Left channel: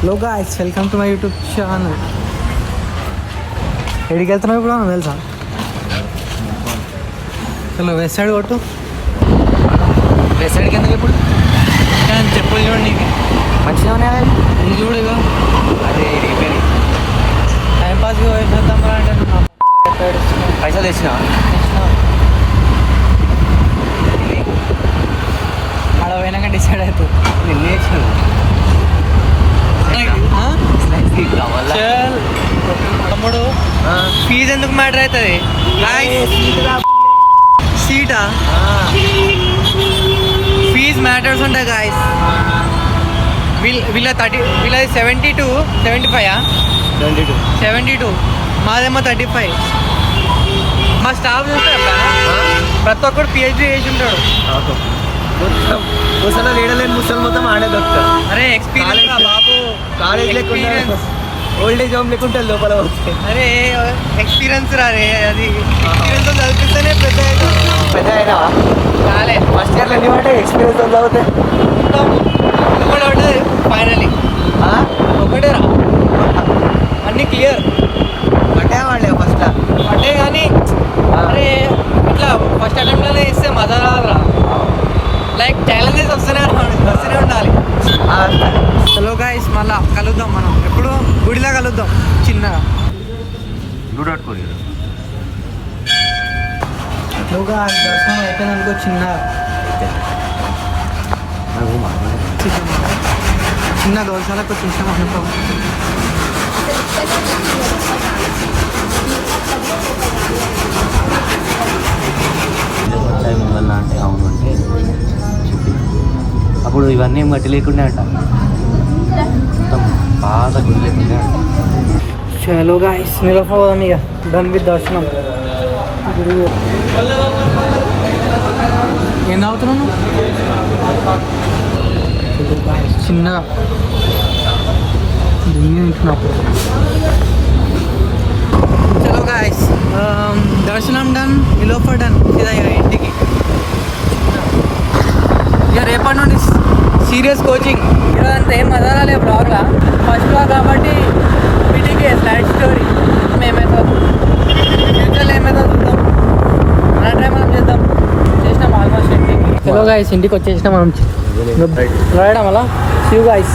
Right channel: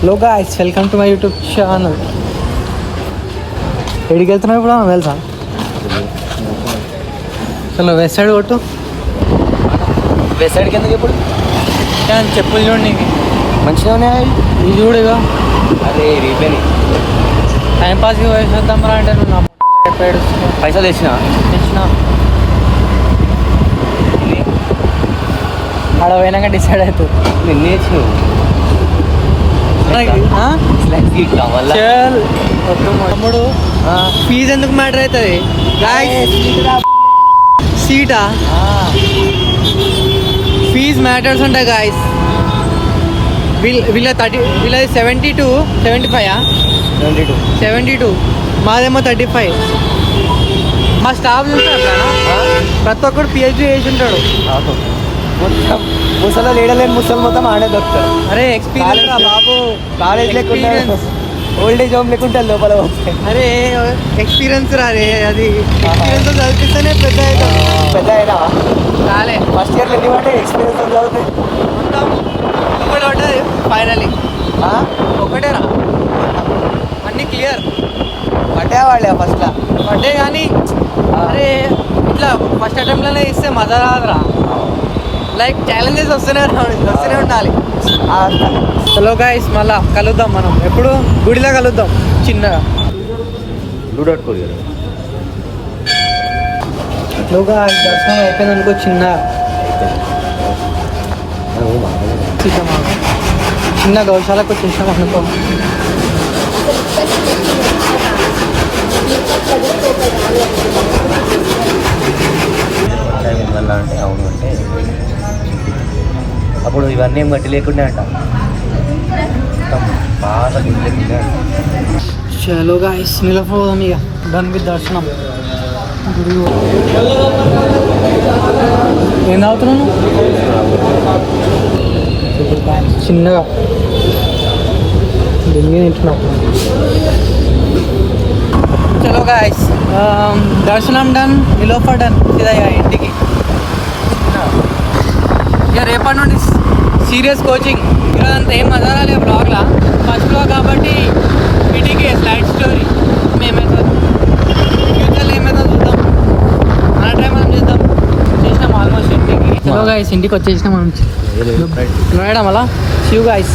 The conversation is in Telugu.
Hello guys, welcome to my YouTube channel. ఎడికి వెళ్తున్నావు ఇప్పుడు తెలుసా? చలో వెస్ట్ సైడ్ కొట్టు. వెస్ట్ సైడ్కి ఎందుకు ఇప్పుడు? చెప్పులు చూడండి నీకు మంచిగా ఉన్నాయి. ఇది చూడగా. అరే రీపేని టైం పాస్ వేసేద్దాం అంటే నువ్వు నా పైసలు తెచ్చినా ఆడ పోయినాక డిసైడ్ అవుతుంది. నిన్నే ఇచ్చినావు కావాలా? తమ్ముడు ఫీజు ఎందుకు మ్యాటర్ అవుతుంది? సీటా ఫీజ్ మ్యాటర్స్ ఉంటాయి గాయస్. వీళ్ళది 72 75 72 మాదేమో 35. మా స్టాఫ్ చూస్తే ఎప్పుడైనా ప్రతి ఒక్కడు పిహెచ్డీ చేసి ఉంటాడు. మొత్తం ముసలో లేడలేని ముసలు మొత్తం ఆడే దొరుకుతారు. అరే ఎక్స్పీరియన్స్ రా బాబు, కాలేజ్ లేకుండా ఓల్డ్ ఏజ్ హోమ్ లేకుంటే లోపల వస్తాయి. అరే ఎక్స్పీరియన్స్ రా. అరే అది ఎక్స్పీరియన్స్ చదివిస్తేనే పెద్ద అవుతాడు. పెద్ద అయినా చాలే ఫస్ట్ ఇయర్లో ఎన్ని పట్టే ఎక్స్పీరియన్స్ ఉందా? ఒకటే ఉంటుంది ఫైనలీ. ఒకటే రా, అన్నీ క్లియర్. పడ్డా వాళ్ళే ఫస్ట్లో పడ్డే కానీ అరే ఇట్లా ఫస్ట్ అటెంప్ట్లోనే ఇస్తే మజా రాదురా. లైక్ ఛాలెంజెస్ వస్తూనే ఉండాలి. హలో గైస్, మళ్ళా కలుద్దాం మనం. ఎప్పుడు గుడిలో కలుద్దాం చిన్నగా. హలో గాయ్స్, దర్శనం అయిపోయింది అనుకో. చిన్న గౌశాలకు వచ్చేసాం అనుకో. అంటే అవును అంటే అప్పుడు ఇవన్నీ ఏం గట్టి లేకుండా అంట, మొత్తం బాగా గుడి లేకుండా అంట. చలో గాయ్స్, నిలబోదాం ఇక. డన్ విత్ దర్శనం. గుడి ఏం తాగుతున్నాను? చిన్నగా దున్ని ఉంటున్నప్పుడు. చలో గాయ్స్, దర్శనం డన్, నిలోఫా డన్. ఇదయ్యా ఇంటికి. ఇక రేపటి నుండి సీరియస్ కోచింగ్. ఈరోజు అంతా ఏం మజా రాలేదు బ్లాగ్లా. ఫస్ట్ బ్లాగ్ కాబట్టి ఇంటికి స్లైడ్ స్టోరీ. ఏమవుతుంది ఫ్యూచర్లో ఏమవుతుందో చూద్దాం. మన ట్రై మనం చేద్దాం. చేసినాం ఆల్మోస్ట్ ఇంటికి. చలో గాయ్స్, ఇంటికి వచ్చేసినాం మనం. రాయడం అలా. శివ్ గాయ్స్.